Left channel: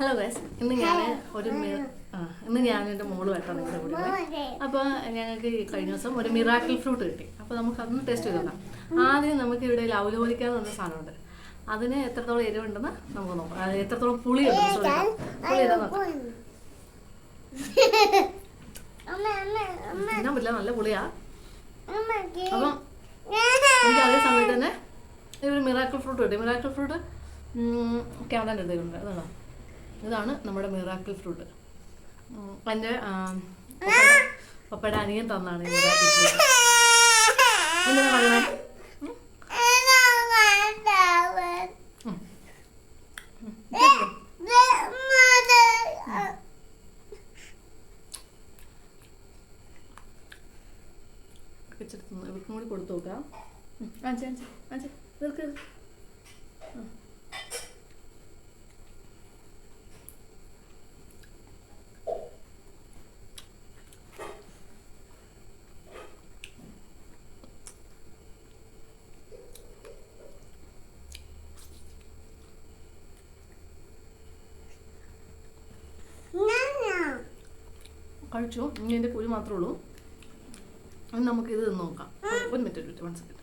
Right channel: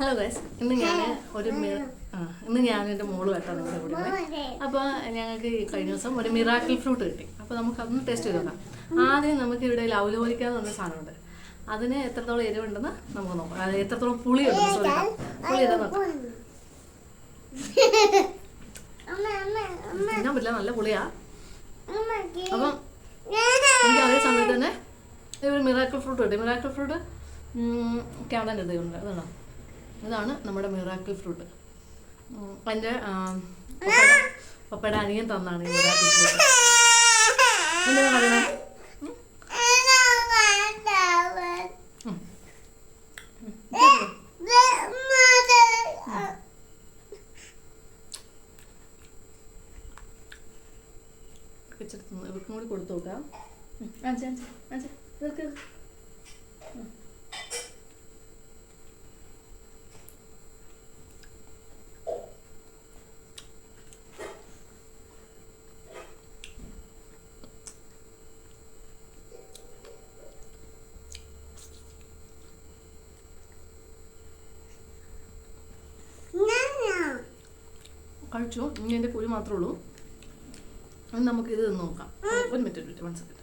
Hello guys, ഇന്ന് ഞാൻ എൻ്റെ മോളുമായിട്ടാണ് നിങ്ങളുടെ കൂടെ ഉള്ളത്. അപ്പോൾ ഞങ്ങൾക്ക് കഴിഞ്ഞ ദിവസം ഒരു മിറാക്കിൾ ഫ്രൂട്ട് കിട്ടി. അപ്പോൾ നമുക്ക് അതൊന്ന് ടേസ്റ്റ് ചെയ്ത് നോക്കാം. ആദ്യം നമുക്ക് ഇവിടെ ലൗലോലിക്ക എന്ന് പറഞ്ഞ സാധനമുണ്ട്. അതിന് എത്രത്തോളം എരിവുണ്ടെന്ന് നമുക്ക് നോക്കാം. അത് എത്രത്തോളം പുളിയുണ്ടെന്ന് പുളി ഇതാ നോക്കാം. തിന്നാൻ പറ്റില്ല, നല്ല പുളിയാ. അപ്പം എനിക്ക് അതേ സമയത്ത് തന്നെ ഒരു മിറാക്കിൾ ഫ്രൂട്ട് കിട്ടി. മിറാക്കിൾ ഫ്രൂട്ട് ക്യാമറേൻ്റെ അടുത്തുണ്ട്. അതാണോ, ഇതാണ് നമ്മുടെ മിറാക്കിൾ ഫ്രൂട്ട്. എൻ്റെ പപ്പയുടെ അനിയൻ തന്നാണ് ഈ മിറാക്കിൾ ഫ്രൂട്ട്. എന്തിനാ പറയണേ? ഇവർക്കും കൂടി കൊടുത്തു നോക്കാം. ഇവർക്ക് കഴിച്ചു. ഇനി എൻ്റെ കുരു മാത്രമേ ഉള്ളൂ. അത് നമുക്കിത് നോക്കാം. ഒരു മിനിറ്റ് 1 സെക്കൻഡ്.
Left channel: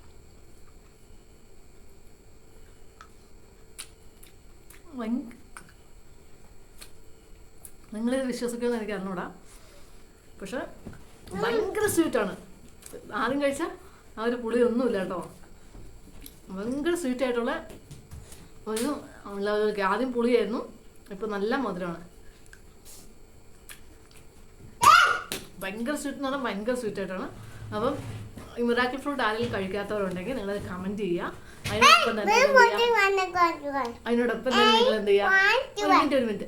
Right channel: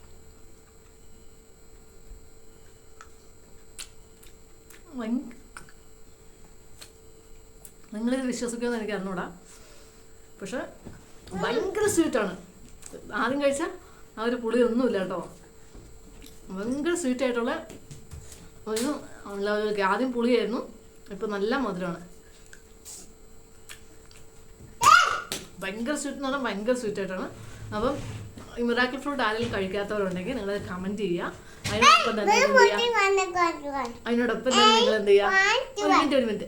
നിങ്ങളിത് വിശ്വസിക്കുമെന്ന് എനിക്ക് അറിഞ്ഞൂടാ, പക്ഷെ ഭയങ്കര സ്വീറ്റാണ്. ആദ്യം കഴിച്ചാൽ ആ ഒരു പുളിയൊന്നുമില്ല കേട്ടോ. ഭയങ്കര സ്വീറ്റായിട്ടുള്ള ഒരു ആദ്യം പുളിയായിരുന്നു, ഇപ്പം നല്ല മധുരമാണ്. ഭയങ്കര സ്വീറ്റ് എന്ന് പറഞ്ഞാൽ ഭയങ്കര സ്വീറ്റായിട്ടാണ്. അപ്പം ഈ മിറാക്കിൾ ഫ്രൂട്ട് ആരെങ്കിലും കഴിക്കാത്തവരുണ്ടെങ്കിൽ നിങ്ങളത് കമൻറ്റ് ചെയ്യുക. അതിനോടൊപ്പം തന്നെ നിങ്ങൾ എന്ത് ചെയ്യുക, ഒരു മിനിറ്റ്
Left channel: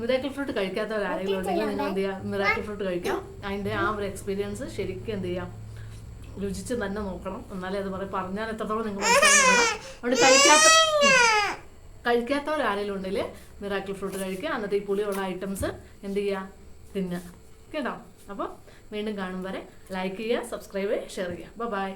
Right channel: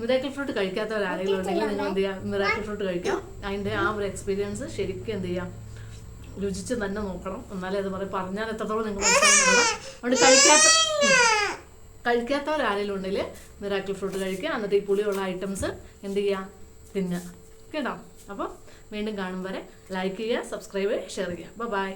മിറാക്കിൾ ഫ്രൂട്ട് കഴിക്കാത്തവർ ആരെങ്കിലും ഉണ്ടെങ്കിൽ നിങ്ങൾ എന്ത് ചെയ്യുക, മിറാക്കിൾ ഫ്രൂട്ട് കഴിക്കാം. അതിൻ്റെ ആ ഒരു എക്സ്പീരിയൻസ് ശരിക്കും എന്ത് ചെയ്യാം, രുചിച്ച് തന്നെ നോക്കണം. എന്നാലേ അത് പറഞ്ഞാൽ എത്രത്തോളം നിങ്ങൾ മനസ്സിലാവുന്നുണ്ടോ. അതുകൊണ്ട് കഴിക്കാത്തവർ ആരെങ്കിലും ഉണ്ടെങ്കിൽ മിറാക്കിൾ ഫ്രൂട്ട് കഴിക്കുക. അന്നത്തെ ഈ പുളിയുള്ള ഐറ്റംസ് എന്ത് ചെയ്യുക, തിന്നുക കേട്ടോ. അപ്പോൾ വീണ്ടും കാണും വരെ ലൈക്ക് ചെയ്യുക, സബ്സ്ക്രൈബ് ചെയ്യുക, ഷെയർ ചെയ്യുക. ബൈ.